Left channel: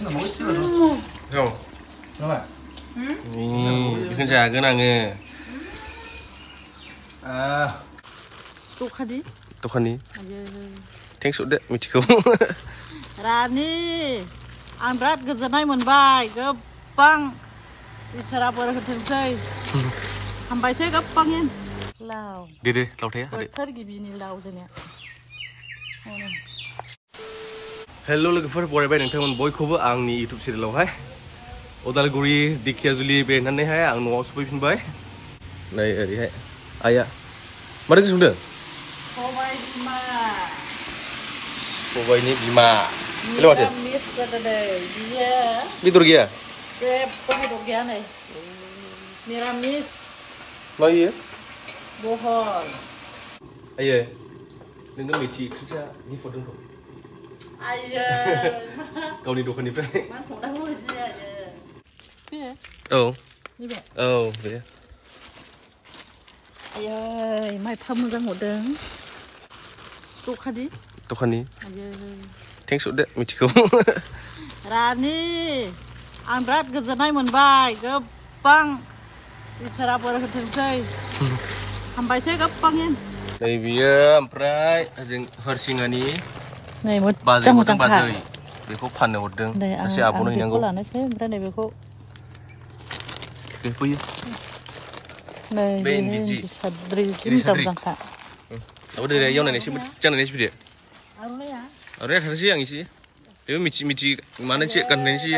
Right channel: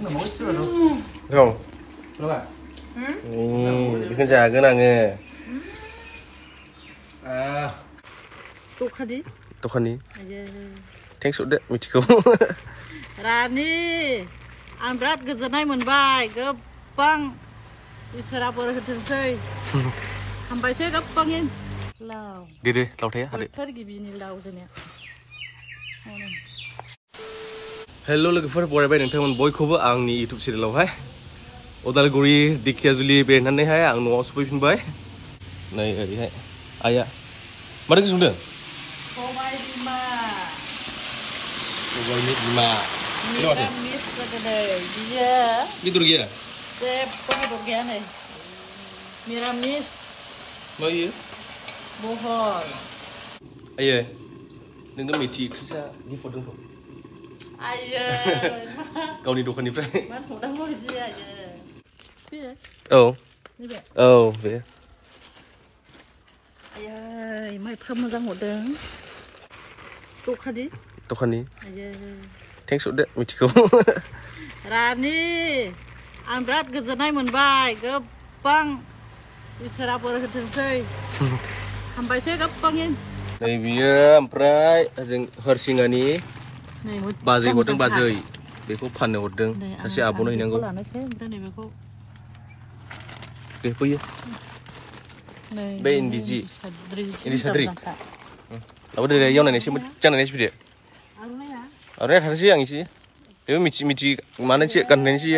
Không. Ini jaga nange. Tukani. Thanks udah michiku. Rani, an berat goजोननाय मोनबाय गोबां इसोरा बोर होथोंसै हामबायसै गोबांइन लाव दे लावथाया हादे बोथोर गिबिनि लाव जोंनिया हेलो लोगोफोर बरायबाय नोंथांमोन बयखौबो आंनि YouTube चेनेलावहाय उदालगुरि दिखियाजुलि बेरायनानैहाय आं न'आव सफैफिनबाय नै ओरैहाय आइया मारै संदों सबायनि बिमा Lewat ya? Betul gaya? Betul gaya nih. Miramis. Mau iya? Bohong. Ayo. Neng meti kerja ni foto tu. Ayo. Kau ni dokan ni pray. Man foto mau je aja. Iya. Oh. Ni be. Oh, be. Ayo, mai pham moजां hordों. Dokan ni. Ayo. Thanks udah michiku. Rani, an berat goजोननाय मोनबाय गोबां इसोरा बोर होथोंसै हामबायसै गोबांइन नै बियो ओमफ्राय जों हरसिंगानि बाजै हरदों बाजै बेखौ फाननो हरदों सासे आब'नो हैनांगौ लानोसै ओमफ्राय नै बेखौ दे फैयो बे इन्दि साद्रि apa dari yang ini sih jangan ini sih Arnya ada sih yang isi. Tapi mici mana sih kan ini sih?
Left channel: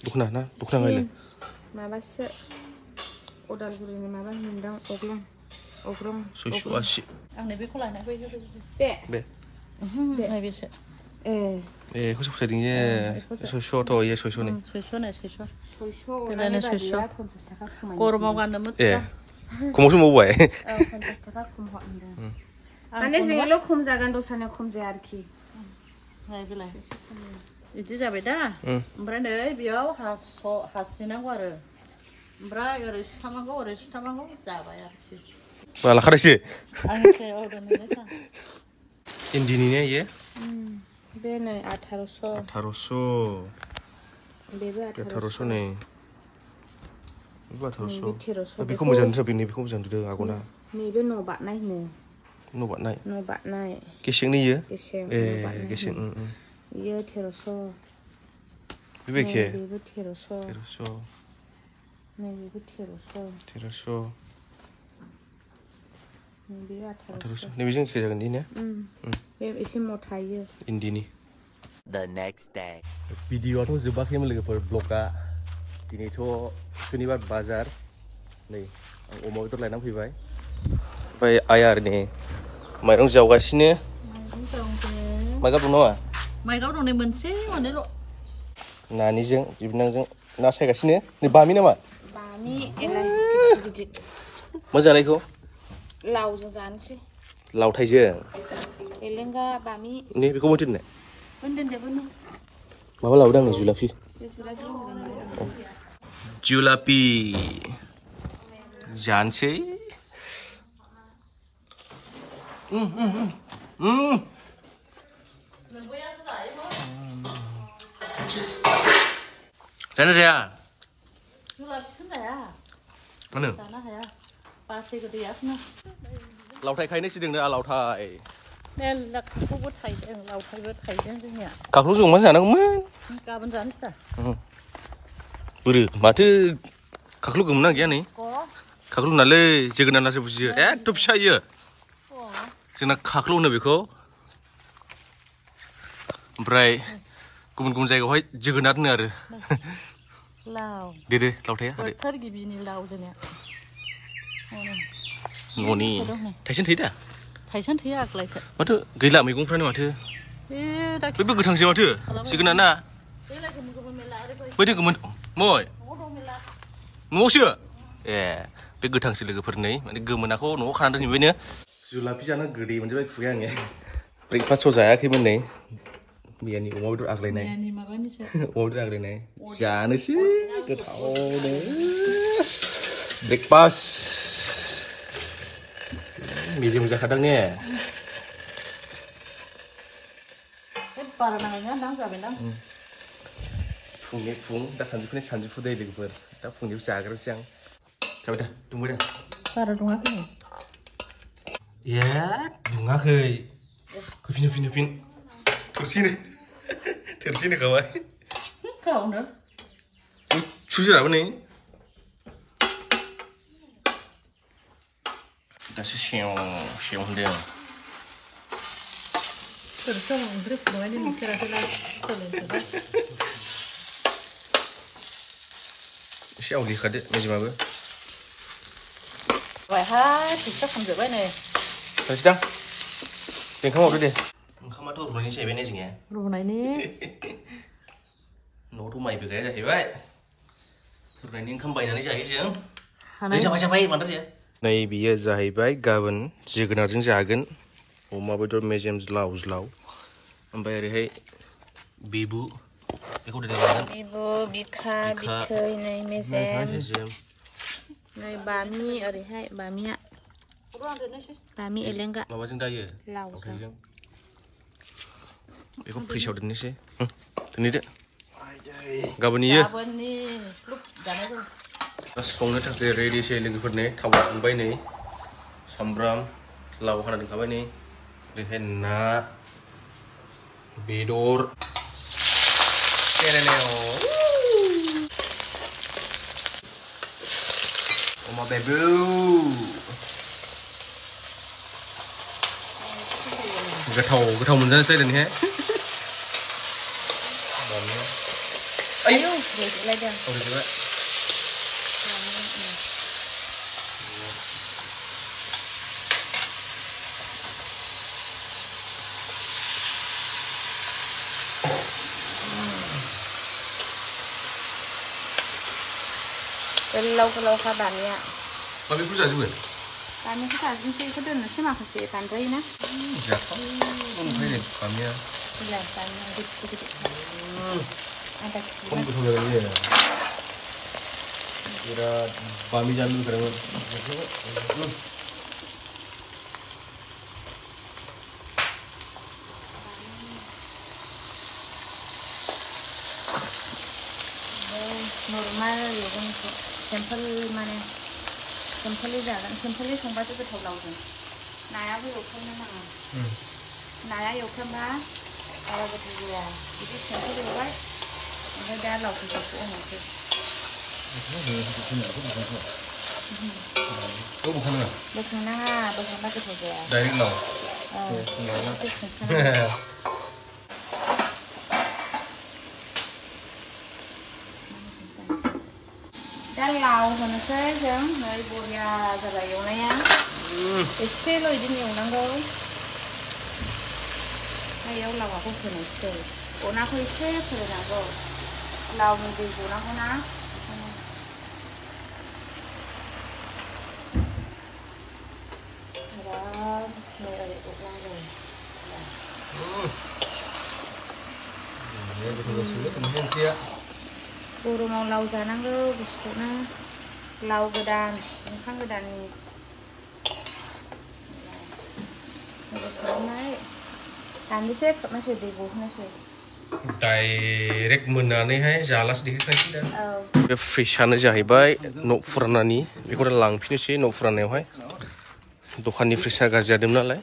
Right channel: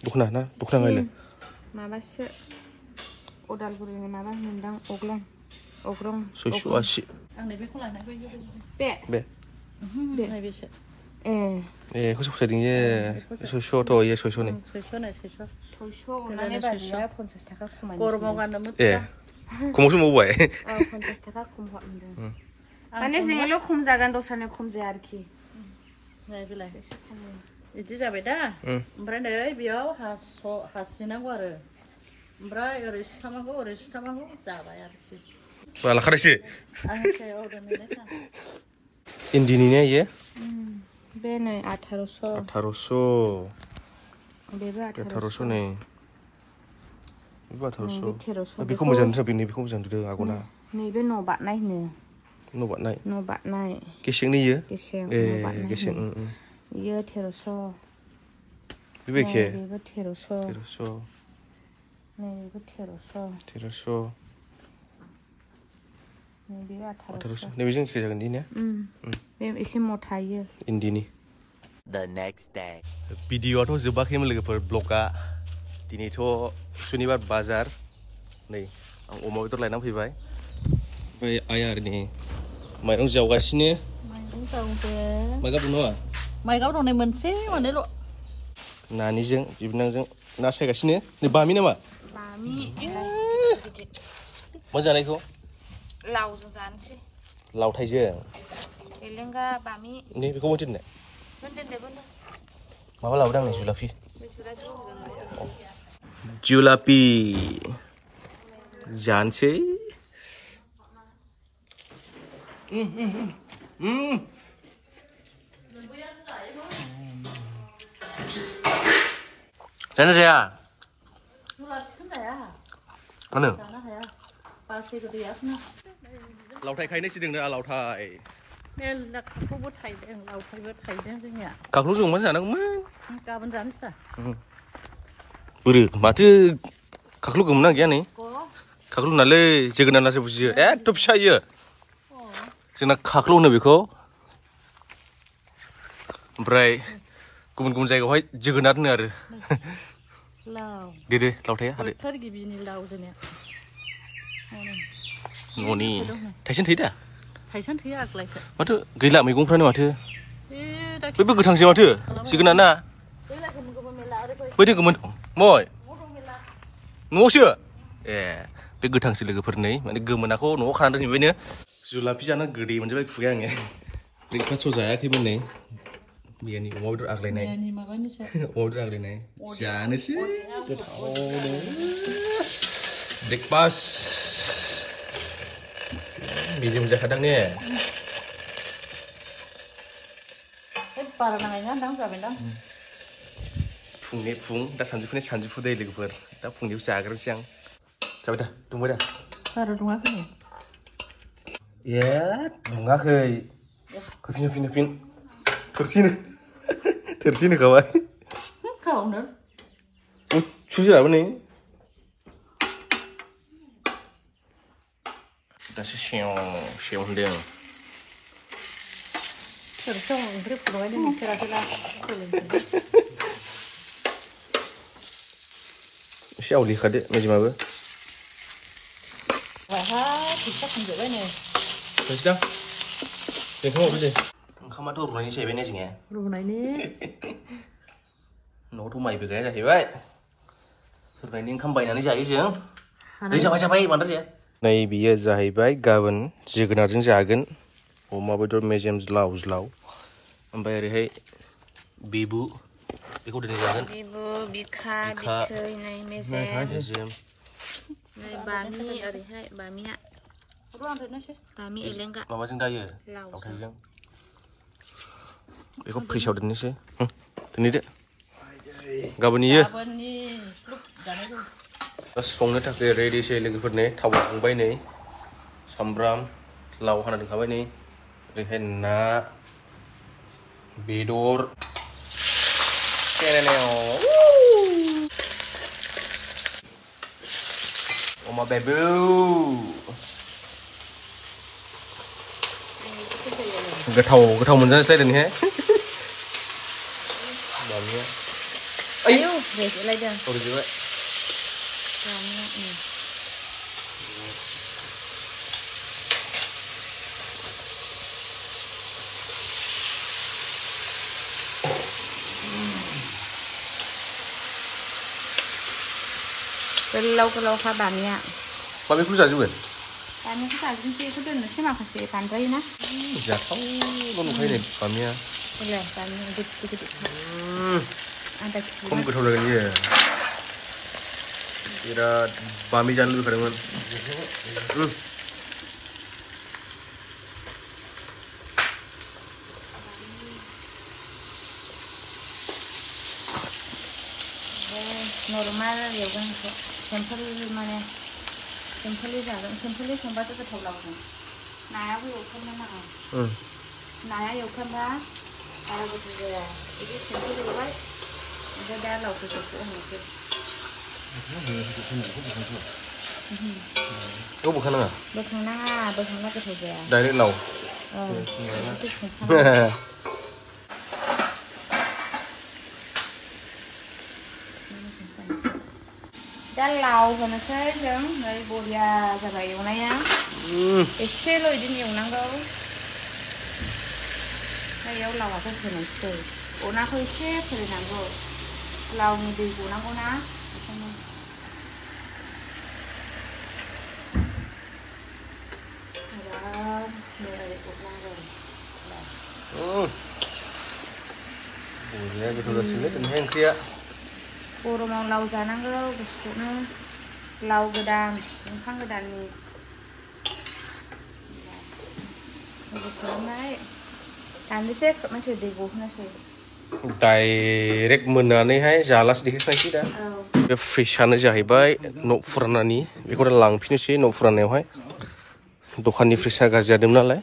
Bukan nggak Maba sih. Udaलगुरि ini maba nindang ogrong. Susu asyik. Ang nabi ko lang na Be. Nabi sih. Kau suka sedingnya susu atau ya susu nih? Susu. Mana susu? Kurma kan demut. Kau mau semua buat? Kontes taka kumho anda. Ane zingelo kum zagan dosanya kum ziyarki. Nah bilang. Itu jabe dah. Mbak deh biau hasilnya gua Mbak harus tamango zabayarki. Malah kada sih. Angin udah nanya. Indininya ya? Bene 1800. 1800. Bebe 1800 nih. Ibu 1800. Tapi kau mau jangan tapi ni kau mau jangan dulu aku na. Ni be no bat naik ni. No bat naik. Kesing ni ya? Kesing. Kesing. Iya 1300. Bebe ke? Bebe 1300. 1300. Ni bebe 1300. 1300. Ni bebe 1800. Ni bijeng ke jalan ini ya? Bebe isi mau thaya. Indini. The next day. Video tu zobakhim logoफोर ब्लगा दिनैथ' सुनिबार बाजार नै आं अमा बेदर लायनानै फैबाय ओमफ्राय आइया नै माइरं जावगासिनो माइगाब दं नामा माइगाब दं नै मोनसे मोननैल' नानिजों बिबनांजों ना सायगासिनो नै बामि नामा बामि गिदिर मा जानायखौ लावजों जानोसै लावथायजों एलेंगा बामि नै बेखौ मोनथिनो होनदों माबा लाबोदों आंनि जुलाफि Julapi जानोसै जानो जाया जुलापिखौनो जाया मानो जानो हाया बासै गोदैयाखौनो लावथाय खायनो सिदोंनो लावथाय मेल्ला खाख्लौबो थायदों लावथायबो थायदों जोंनिया खाख्लौ जों मा जानांगौमोन गाबोन जानोसै दा बोरो माथो खाख्लौ गोमोना गैया नै खाख्लौ नालै जोगोनारसो बुजियो एथ' फिसा इयो जोंना खाख्लौ होनो बेखौ ओमफ्राय गुबुन जायगायावहाय जोगोनार होनो आरो लाव दे लावथाया हादे बोथोर गिबिनि लाव जोंनिया न'नि थाइसेन थैयो दा थाइसेन थैयो आग्लायसो माथो गैला मैगंफ्रानो माथो बैबो गोथांसो माथो जोगोनार ना बैदो गोमोन मय न'आवसो बे गोथांसो लोगोफोर नै माने गोमोनाखौ न'आव खानानै दोनहैबायनो जुलाफि जानो गोदै मोनजोबबाय खुगाया आङो ब्रेकफास्टआव जायाखैमोन नै मैयानि अमा बेदर आग्लायनाय अमा बेदर आग्लायनाय जानोसै गोथावनो ब्रेकफास्ट मेजेम जाखादां ने बारा नाङैनो दां जाबायदां फुंनि फुं दा सानजौफुनि सानजौफु दै लोगोफोर दा फुंनियाव जाग्रोसै आं जाबाय दा दुंबाय दा बारा दुङाखै ए दुङाखै होफिन थोरसि होखाबाय गावनो सुजिराबो नै दासो सेव होनदों थोरसियाव ओंख्रि फुदुंनायनि नुफेराखै दा एसे आवलिखादो मेजेमाबो फैसा खमजोब्बाय नै दां ओंखाम हरदो दे ओंखामाथ' रुनायनि जाहैबाय ने जोंनिया रुनायनि न'आवथ' माइबो गाया जाहैबाय रुनायनि ओंखाम बायनानै जायो जों जाबाय बांद्राय जाया नै बियो जाहैबाय गाबोन जोगोनारजों जागोन अमा बेदर मेजेम ज्लाव ओमफ्राय ओरैहाय बिबु बेखौ दिनै जागोन बिखा बिथै नै मेजेम नै बामि ओरैहाय बामि एलेंगा माबाजों दायो लावथायजों बेखौ फ्रिजआव दोननोसै दोनदो गाबोन इयो संनो थाखाय रेडिसै लोगोफोरनो थाव दुंबाय नै सामब्राम लाव हाना दोनखाबाय नै ओरैहाय ना बेदर अमा बेबु गोथाव मोनजानोसै दिनैहाय आयौ रेजेलायदों गोलाव दानिया माबेखौ जाजोबगोन दानिखौ जाजोबनोसै बेखौ दोननोसै माखासे दानजायोना जाथावल' नंखायो नै बामिया खम गोथाव जागोन इयो बिराद बामि जानो लुबैखादोंमोन नर्माल जों सिम्पोलि जागोन सिम्पोलि संबासो गोथाव लावगोन नायाबो एवफ्रामनो नाङा नाया एवफ्रामबा बारा गोथाव जाया बिदि सिम्पोल एवबाय ओमफ्राय दा लावखौ होनोसै बोखांनाङा बोखांबा गोथाव जाया डाइरेक्ट लाव दा लाव होनोसै जों नै बरिया जाबाय एवनाया एसेल' बिदिनो एवनांगौ बेयाव लावाखौ होनोसै अनाखौ एसे फोराननांगौ लावनि दै गनांगौ ना आरामनो ओरै एवनांगौ गोथाव जासिगोन दिनैहाय ओंख्रिया गरमाव लाव जानांगौ गुसुनो लाव गोदान ओंखाम गोदाननि खालामनाय दाननोसै खोबनोसै दै गहोनोसै डाइरेक्ट मोननानैहाय जालासो देखायखानोसै दा बे फ्रिजआनो जाहैबाय न' फुरानानि बेखौ दा लांफिनोसै न' फुरानायावहाय दखाननि फ्रिजआ गाज्रि जादोंमोन नालाय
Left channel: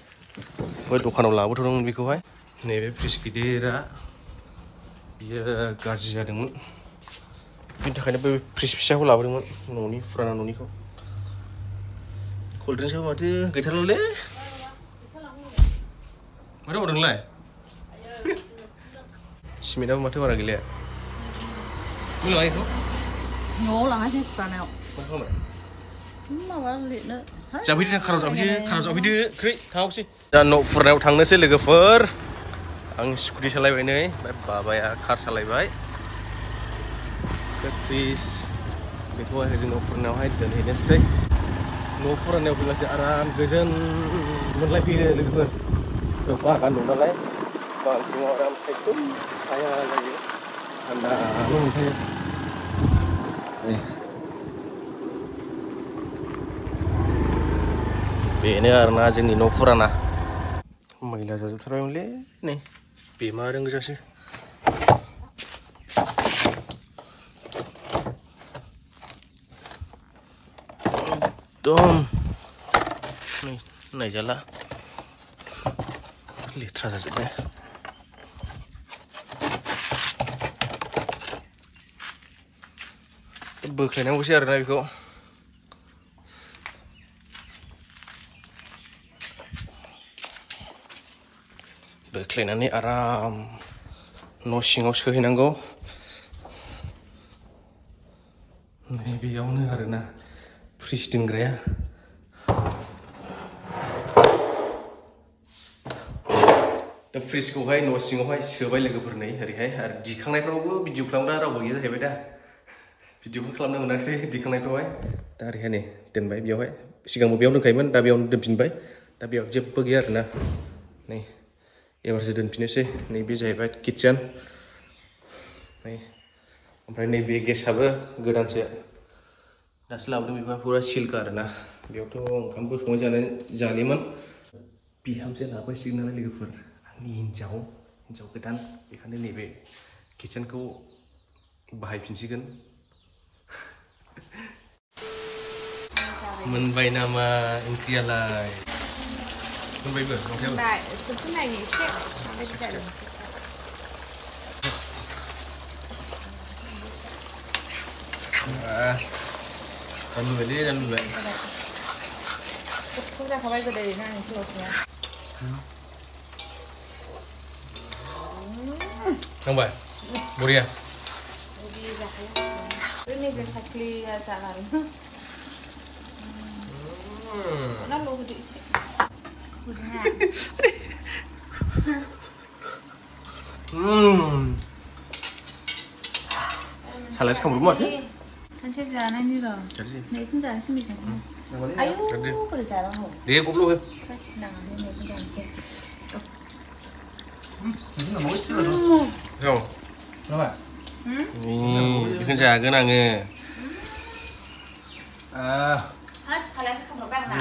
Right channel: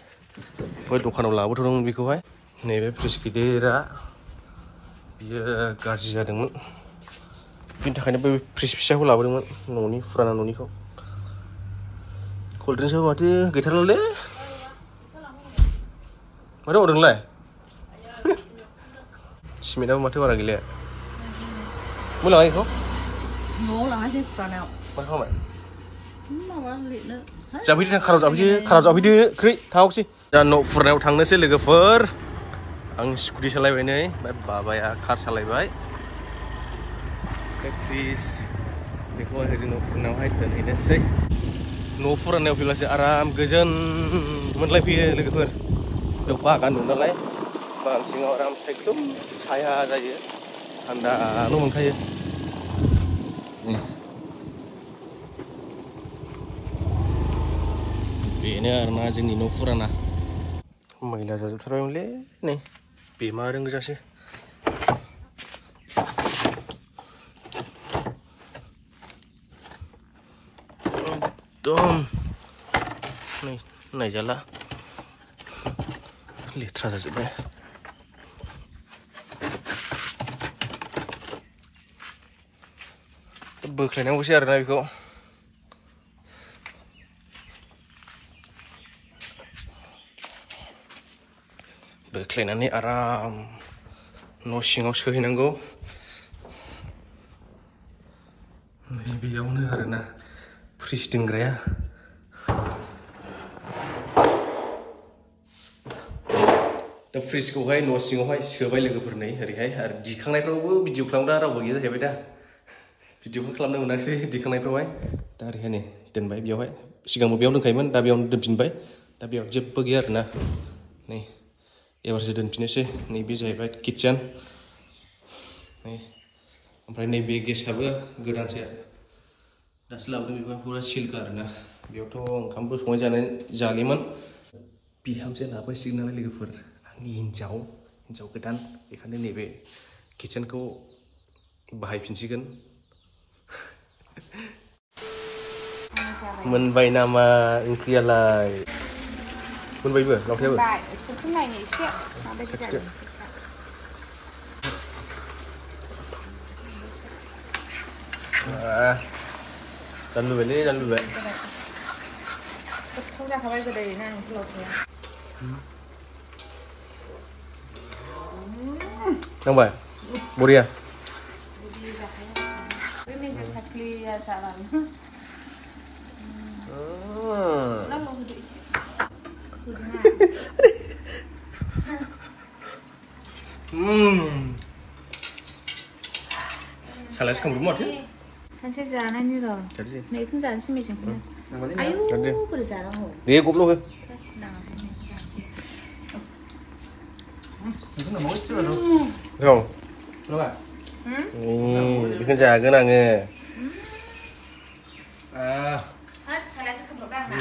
बै दखानाव लाबोथ'दोंमोन बेखौहाय नैबे फ्रिज गिदिरा बियो गाज्रि जादोंमोन बिनि थाखायनो बै फ्रिज फिसाखौ लाबोदोंमोन न'नि फुराना न'निखौ कल्ड्रिंक्सआबो माथो गैथारलालै माथो मावदों नोंलाय सिमेन्टआबो माथो बारा गैलाया मा लाङा बेखौ न'आव लाङासै फुरानायाव मा खालामबाय माबा लिरनो जाफैदो खाराव जाफैदो खै थांसै दा न' फुरानायाव थांनोसै लोगोफोर आं स्कुटि सालायबाय नै ओमफ्राय बाबाया कार सालायबाय फ्रिज बेखौहाय जों न' फुरानायावहाय दोनहैनोसै न' फुरानायाव फैब्लासो आराम गोजोन मोनलायफैयो लोगोफोर बेयाव बागान दं नालाय बागान सिङाव आराम सायख्लुम साया जायो थान्दाल' मोनखायो बेनो आरोना जोंनि न' फुराना मैला जाजोबथारबायमोनलै नै Bemareng gojaसो. Dom. Nih, naiklah. Litra saja deh. Boख्लायनांगौसो आरोना बेखौ. बोख्लायनानै आराम न' सिङाव सोहैनांगौ. बेयावनो आरोना फ्रिज दोनग्राया. दा फ्रिजखौहाय न' सिङावहाय सोबाय लोगोफोर नै ओरैहाय आरो दिखांनायफ्रावबो भिडिअ खालामग्रा रावबो गैया जाहैबाय दा. भिडिअखौ खालामनो मोनाखिसै दिखांनायफ्रावहाय. दा ओरैहाय नै दोनबाय बेयावहाय. सिगांबो बेयावनो दोनखायोमोन दा बेयावनो दोनफिनबाय. दा बेयाव जेबो गैया आरोना. नै एबारसो दोनफिननोसै. नैबे जाहैबाय किटचेन. नै ओमफ्राय नैबे गेसआबो गोदानसो. दासो लाबोदों बेखौ फुरा सिलखा आरोना. बेयावथ' ओंखामबो संनाय जालिमोन. बिहामजो लाबोसिगोन नालाय लोगोफोर. आंनि हिन्जाव गोदान. बेखायनो नैबे किटचेनखौ बाहायफिनसिगोन. मोनबाय नामा ओंख्रियालाय? मोनबायबो ओंख्रियाबो? जानलुबायलै जानलुबाय. गोथाव जाखाबाय गोदैनो ओंख्रि लथाया. नांबाय? बरिया? बरिया जाखायो. बे मेजेम साख्लिया जालाङो. नांगौ होदो एसे. Salahnya kamu rumah sih? Kan saya jalan ini loh. Nih pun jalan sih misalnya. Ayo berjalan loh. Dia goblok ya? Nah ini pun jalan sih. Itu nggak mau sih loh. Dong. Coba. Nih, bikin jagan angge. Salahnya kamu bang nah.